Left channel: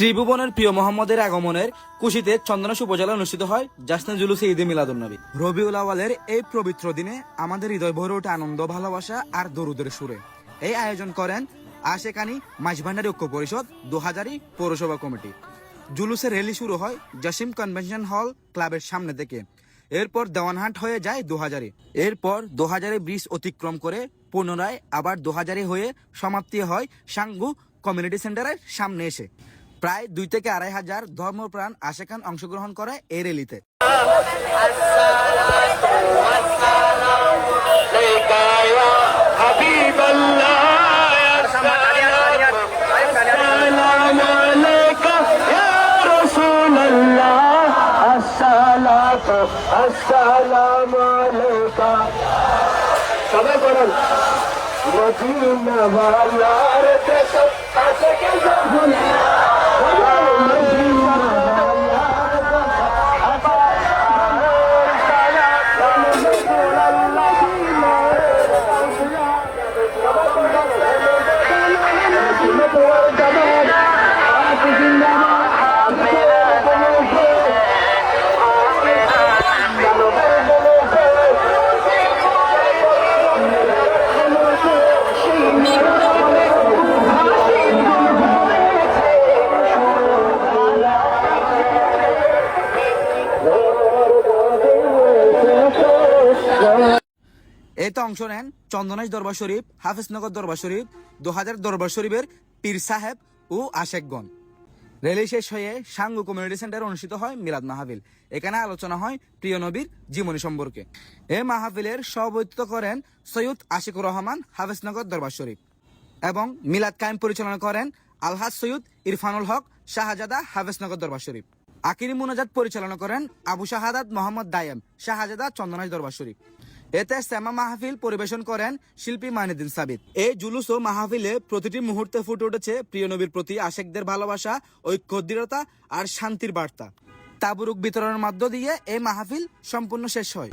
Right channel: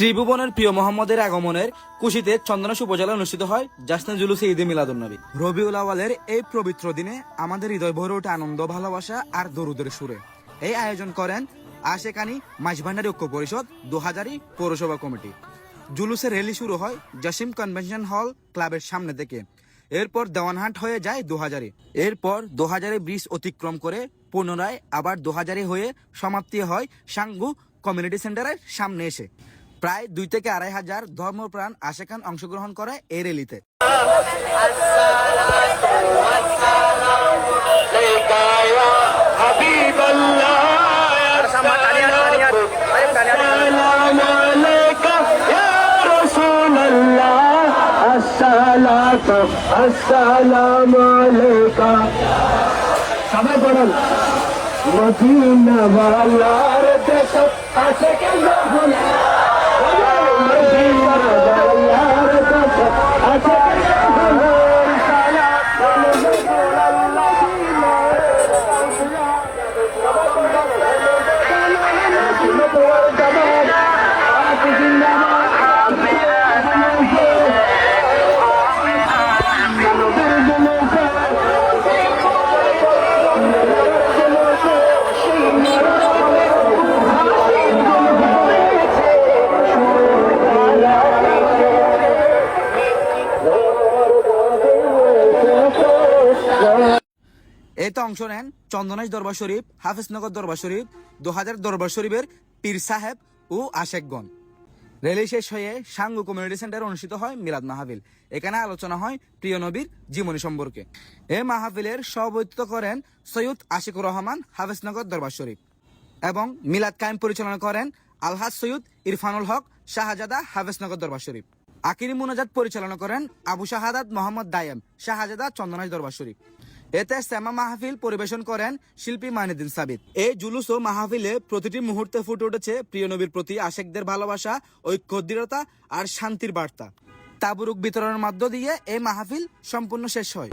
ত্রিভুবনের প্রিয় মোহাম্মদের আগমনের কুশিতে চন্দনাশ উপজেলা অনুষ্ঠিত হয় জাসনে জুলুসে ঈদে মিলাদুন্নবী রবিউল আওয়ালের এই পবিত্র দিনে আমাদের হৃদয় ভরে ওঠে আনন্দ, ভালোবাসা আর দরুদের সুরে। এই আয়োজন করেন আশেকানি মাঝভান্ডারি ঐক্য পরিষদ দু হাজারি পৌরসভা কমিটি। জুলুসের র্যালি শুরু হয় জসিম কনভেনশন হল ক্লাবের সামনে থেকে। এরপর দেওয়ানহাট হয়ে যায় দু হাজারে এরপর দু হাজারে ব্রিজ অতিক্রম করে পুনরায় আবার দু হাজারে হয়ে সমাপ্তি হয় সাঙ্গু কমিউনিটি সেন্টারের সামনে এসে। প্রায় দুই থেকে আড়াই হাজার ধর্মপ্রাণ আশেখান অংশগ্রহণ করে এই র্যালিতে। সবাই বলেন মদিনা এতে অংশ নেন, চন্দনাইশ দরবার শরীফ, হাফিজনগর দরবার শরীফ দু হাজার দরবার শরীফের পীর সাহেব ও আশেকগণ। রেলি শেষ হয়ে সাঙ্গু কমিউনিটি সেন্টারে অনুষ্ঠিত হয় মিলাদ মাহফিল। এখানে আলোচনা হয় প্রিয় নবীর জীবনী সম্পর্কে। এ মাহফিলের সভাপতিত্ব করেন সৈয়দ আশিকুর রহমান, হাফিজনগর দরবার শরীফ এবং মিলাদ কায়েম পরিচালনা করেন আলহাজ সৈয়দ ইরফানুল হক, শাহজাদা হাফিজনগর দরবার শরীফ। আকিরি মুনাজাত পরিচালনা করেন আবু শাহাদাত মোহাম্মদ দায়েম, শাহজাদা চন্দনাইশ দরবার শরীফ। এতে শ্যামা মাহফিল পরিবেশন করেন শিল্পী মাইনুদ্দিন সাবিত। এই জুলুস ও মাহফিলে প্রতিটি মুহূর্তে ফুটে উঠেছে প্রিয় নবীর প্রতি আশেকদের ভালোবাসা ঐক্য দৃঢ়তা আর শান্তির বার্তা। তাবুরুক বিতরণের মধ্য দিয়ে এই মাহফিল সম্পূর্ণ শেষ হয়।